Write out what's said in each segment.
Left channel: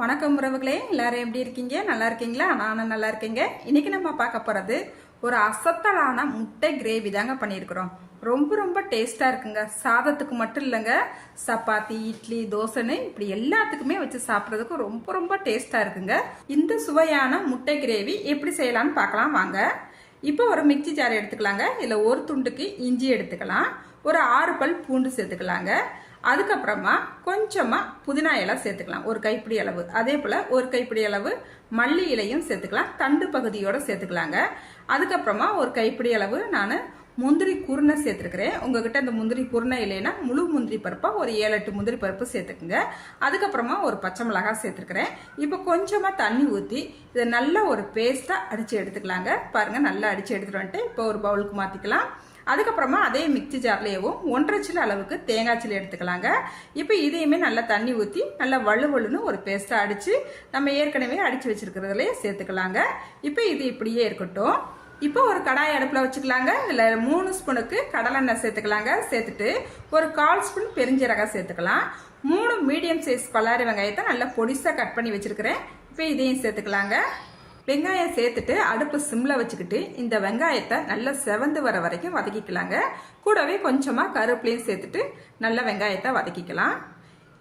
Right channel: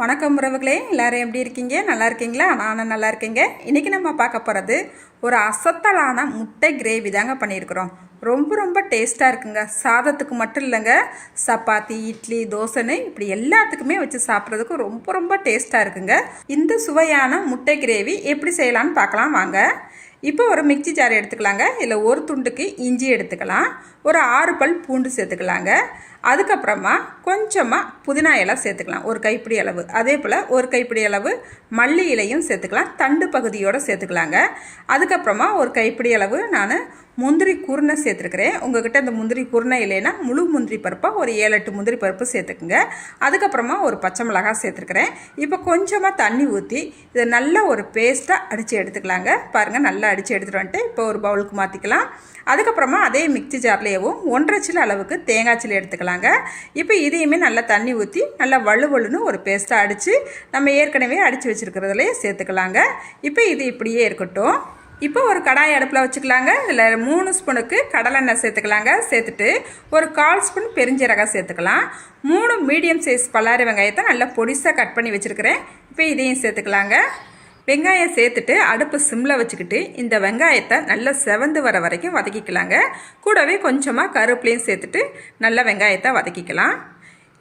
வணக்கம் உறவுகளே, எல்லாரும் எப்படி இருக்கீங்க? நல்லா இருக்கீங்களா? நானும் நல்லா இருக்கேங்க. இன்றைக்கி நம்ம பார்க்க போகிறது ஒரு அசத்தலான முட்டை கிரேவி தாங்க பண்ணியிருக்கிறோம். ரொம்ப ரொம்ப டேஸ்ட்டாக இருக்குங்க. சாதத்துக்கு மட்டும் இல்லைங்க, சப்பாத்தி, இட்லி, தோசைன்னு இப்படி எல்லாத்துக்குமே வச்சு சாப்பிட்றதுக்கு ரொம்ப ரொம்ப டேஸ்ட்டாக இருக்குங்க. இந்த சுவையான முட்டை கிரேவி எப்படி செய்யலான்னு பார்க்கலாம் வாங்க. இப்போ ஒரு மிக்சி ஜார் எடுத்துக்கலாங்க. இதில் ஒரு துண்டுக்கு இஞ்சி எடுத்துக்கலாம், ஒரு 6 பல் பூண்டு சேர்த்துக்கலாங்க. அதுக்கப்புறமா கொஞ்சமாக புதினா இலை சேர்த்துக்கலாம், ஒரு கைப்பிடி அளவு. அதே போல் ஒரு கைப்பிடி அளவு மல்லி இலையும் சேர்த்துக்கலாம், தண்டு பகுதியோடு சேர்த்துக்கலாங்க. அதுக்கப்புறமா ஒரு கைப்பிடி அளவு நான் முந்திரி குருணை சேர்த்துருக்கிறேன். உங்கள்கிட்ட இந்த முந்திரி குருணை இல்லைன்னா முழு முந்திரி பருப்பாக ஒரு 7-8 முந்திரி பருப்பு சேர்த்துக்குங்க. அதுக்கப்புறமா ஒரு பச்சை மிளகாய் சேர்த்துருக்கிறேன். இப்போ கொஞ்சமாக தண்ணி ஊற்றி இதை நல்ல ஒரு பேஸ்ட்டாக அடித்து எடுத்துக்கலாங்க. பாருங்கள், நல்லா அடித்து எடுத்துகிட்டு வந்துட்டு இப்போ ஒரு பவுலுக்கு மாற்றிக்கலாம். அதுக்கப்புறமா அதே மிக்சி ஜார்லேயும் 1.5 சில அளவுக்கு தேங்காய் சில்லி எடுத்துக்கலாங்க. இப்போ இதையுமே நல்லா தண்ணி ஊற்றி நல்லா வலுவலுன்னு ஒரு பேஸ்ட்டாக அடித்து நம்ம ஏற்கனவே அடித்து வச்சுருக்கிறதுலே சேர்த்துக்கலாங்க. இப்போ இது இப்படியே இருக்கட்டும். இப்போ ஒரு கடாய் அடுப்பில் வச்சுக்கலாங்க. இதில் 3 ஸ்பூனுக்கு கடலெண்ணெய் சேர்த்துக்கலாங்க. சேர்த்துட்டு ஒரு 1/4 ஸ்பூன் பெருஞ்சீரகம் சேர்த்துக்கலாம். 3 மீடியம் சைஸ் பல்லாரி வெங்காயத்தை நல்லா பொடிசாக கட் பண்ணி வச்சுருக்கிறேன். இப்போ இதையும் சேர்த்துக்கலாங்க. வெங்காயம் சேர்த்துட்டு அடுப்பு சிம்மில் வச்சுக்கிட்டு இந்த வெங்காயத்தை நல்லா செவந்து வர வரைக்கும் வதக்கிக்கலாங்க. கூடவே கொஞ்சமாக கருவேப்பிலையும் சேர்த்துட்டு நல்லா வெங்காயத்தை வதக்கிக்கலாம்.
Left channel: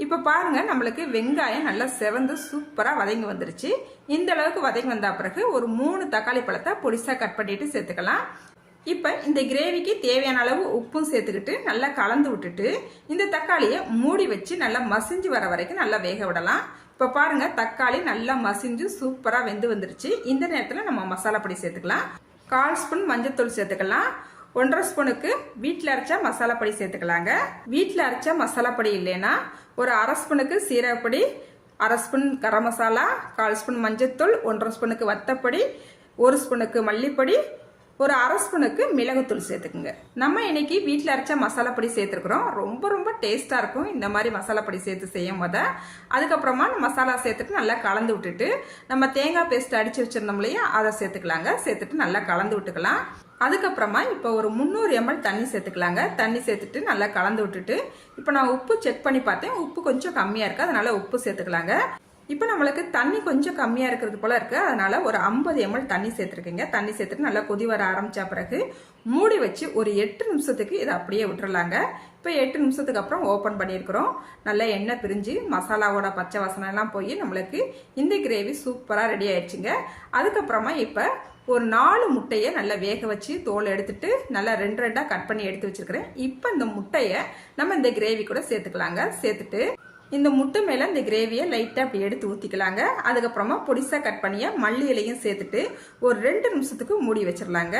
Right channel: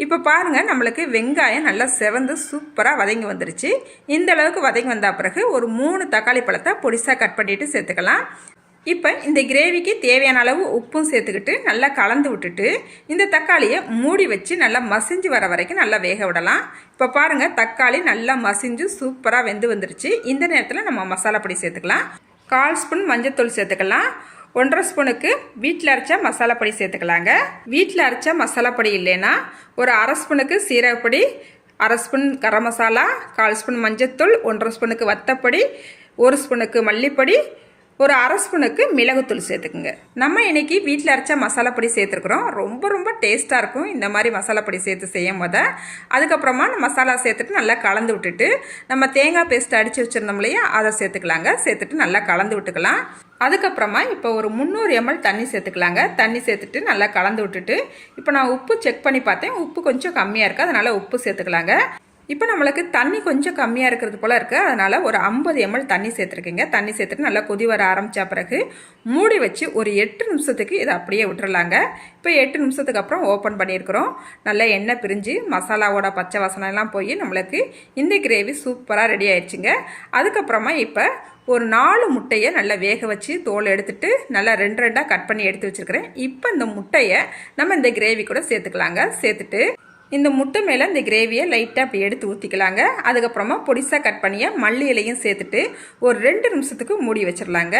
இப்போ பாருங்கள், நம்மளுக்கு வெங்காயம் நல்லா செவந்து சூப்பராக வதங்கி வந்துருச்சு. இந்த அளவுக்கு வதங்கி வந்த பிறகு ஒரு 3 தக்காளி பழத்தை பொடிசாக கட் பண்ணிட்டு சேர்த்துக்கலாம். இப்போ இந்த கிரேவிக்கு தேவையான அளவு உப்பும் சேர்த்துக்கிட்டு நல்லா கலந்து விட்டுட்டு இந்த தக்காளியை மூடி வச்சு நல்லா மசிஞ்சு வர வரைக்கும் நல்லா வேக விடலாம். இப்போ பாருங்கள், தக்காளி நல்லா மசிஞ்சு சூப்பராக வெந்து வந்துருச்சு. இந்த நேரத்தில் நம்ம மசாலா பொடி சேர்த்துக்கலாம். 1/4 ஸ்பூன் மஞ்சள்தூள் சேர்த்துக்கலாம். 1.5 ஸ்பூனுக்கு வீட்டில் அரைச்ச மசாலா பொடி சேர்த்துக்கலாங்க. வீட்டில் அரைச்ச மசாலா பொடி இல்லைன்னா ஒரு 1/2 ஸ்பூனுக்கு சீரகப்பொடி, 1/2 ஸ்பூன் கரம் மசாலா, 1/4 ஸ்பூன் மஞ்சள்தூள், 1.5 ஸ்பூனுக்கு வத்தப்பொடி, 1 ஸ்பூனுக்கு மல்லிப்பொடி, ஒரு 1/2 ஸ்பூனுக்கு மிளகுத்தூள் சேர்த்துக்குங்க. நம்ம இன்னைக்கு வீட்டில் அரைச்ச மசாலா பொடி சேர்த்துருக்குறோம். ரொம்ப ரொம்ப டேஸ்ட்டாக இருக்கும் இந்த மாதிரி மசாலா பொடி சேர்த்து செய்யும் போது. அதுக்கப்புறமா மசாலா சேர்த்துட்டு நல்லா கலந்து விட்டுட்டு நம்ம தேங்காய் பேஸ்ட் அடித்து வச்சுருந்தோம் இல்லையா, அதை சேர்த்துக்கலாங்க. சேர்த்துட்டு நல்லா கலந்து விட்டுக்கலாம். அதுக்கப்புறமா இப்போ ஒரு 300 ml தண்ணி சேர்த்துக்கலாங்க. தண்ணி சேர்த்துட்டு நல்லா கலந்து விட்டுட்டு இப்போ நான் உப்பு செக் பண்ணி பார்த்தேன். உப்பு கொஞ்சம் கம்மியாக இருக்குது, அதனால் உப்பு சேர்த்துக்கலாங்க. இப்போ நம்மளுக்கு தண்ணி கொஞ்சம் கம்மியாக இருக்கிறது போல் இருக்குது, அதனால் ஒரு 50 ml தண்ணி சேர்த்துருக்கீங்க. தண்ணி சேர்த்துட்டு நல்லா கொதி வர ஆரம்பித்த பிறகு மூடி வச்சு ஒரு 8 நிமிஷத்துக்கு இதை அப்படியே விட்டுறலாங்க. இப்போ 8 நிமிஷத்துக்கு அப்புறம் ஓப்பன் பண்ணியிருக்கிறோம். நல்லா எண்ணெய் பிரிஞ்சு மசாலாவோட பச்சை வாசனைலாம் போய் நம்மளுக்கு இந்த கிரேவி சூப்பராக ரெடி ஆயிடுச்சுங்க. அதுக்கப்புறமா இப்போ ஒரு 4 முட்டையை நல்லா வேக வச்சு தோல் எடுத்துட்டு நல்லா 2 கட் பண்ணி எடுத்து வச்சுருக்கிறேன். இப்போ இந்த முட்டையை நம்ம இந்த கிரேவி கூட சேர்த்துக்கலாங்க. சேர்த்துட்டு இந்த முட்டை மேலே இந்த கிரேவியை லைட்டாக அப்படி எடுத்து ஊற்றிக்கலாங்க. அதுக்கப்புறமா பொடிசாக கட் பண்ணிய மல்லி இலையும் சேர்த்துட்டு ஒரு 2 நிமிஷத்துக்கு மூடி வச்சிடலாங்க.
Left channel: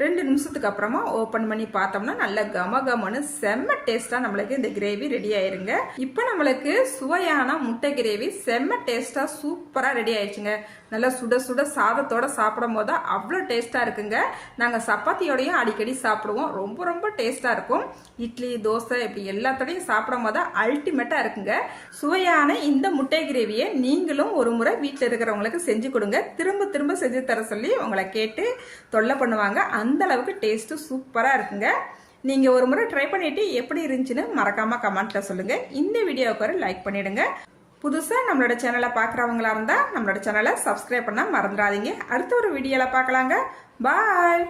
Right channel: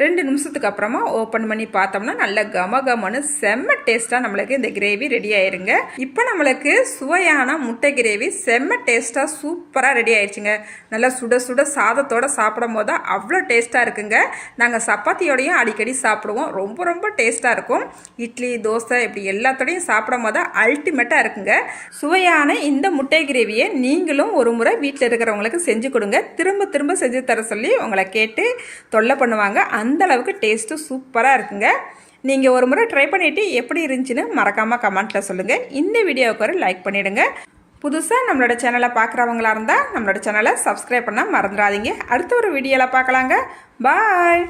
2 நிமிஷத்துக்கு அப்புறமா ஓப்பன் பண்ணி பார்த்தோம்னா நல்ல கமகமனு செம்ம டேஸ்ட்டாக நம்மளுக்கு இந்த கிரேவி ரெடி ஆயிருங்க. இப்போ நம்மளுக்கு சுவையான முட்டை கிரேவி செம்ம டேஸ்ட்டாக சூப்பராக ரெடி ஆயிடுச்சுங்க. நல்லா சுட சுட சாதத்தோடு சாப்பிடும் போது அவ்வளோ டேஸ்ட்டாக இருக்குங்க. நாங்கள் சப்பாத்தியோடையும் அடிக்கடி சாப்பிடுவோம். ரொம்ப ரொம்ப டேஸ்ட்டாக இருக்கும். இட்லி, தோசை இப்படி எல்லாத்தோடையும் சாப்பிடும் போது அல்டிமேட்டாக இருக்குங்க. சுவையான இந்த முட்டை கிரேவியை நீங்களும் ஒரு முறை வீட்டில் இருக்கிறவங்களுக்கு செஞ்சு கொடுங்க. திரும்ப திரும்ப செஞ்சு தர சொல்லி உங்களை கேட்டு தொல்லை பண்ணுவாங்க. அந்த அளவுக்கு டேஸ்ட்டு சூப்பராக இருக்குங்க. நீங்கள் ஒரு முறை ட்ரை பண்ணிவிட்டு எப்படி இருந்துச்சுன்னு மறக்காமல் கமெண்ட்டில் சொல்லுங்கள். இந்த வீடியோவுக்கு ஒரு லைக் பண்ணிவிடுங்க. புதுசாக நம்மளோட சேனலை பார்க்குறவங்களா இருந்தால் நம்மளோட சேனலை சப்ஸ்கிரைப் பண்ணால் மறந்துடாதீங்க. அடுத்த ஒரு வீடியோவில் பார்க்கலாங்க. பாய்.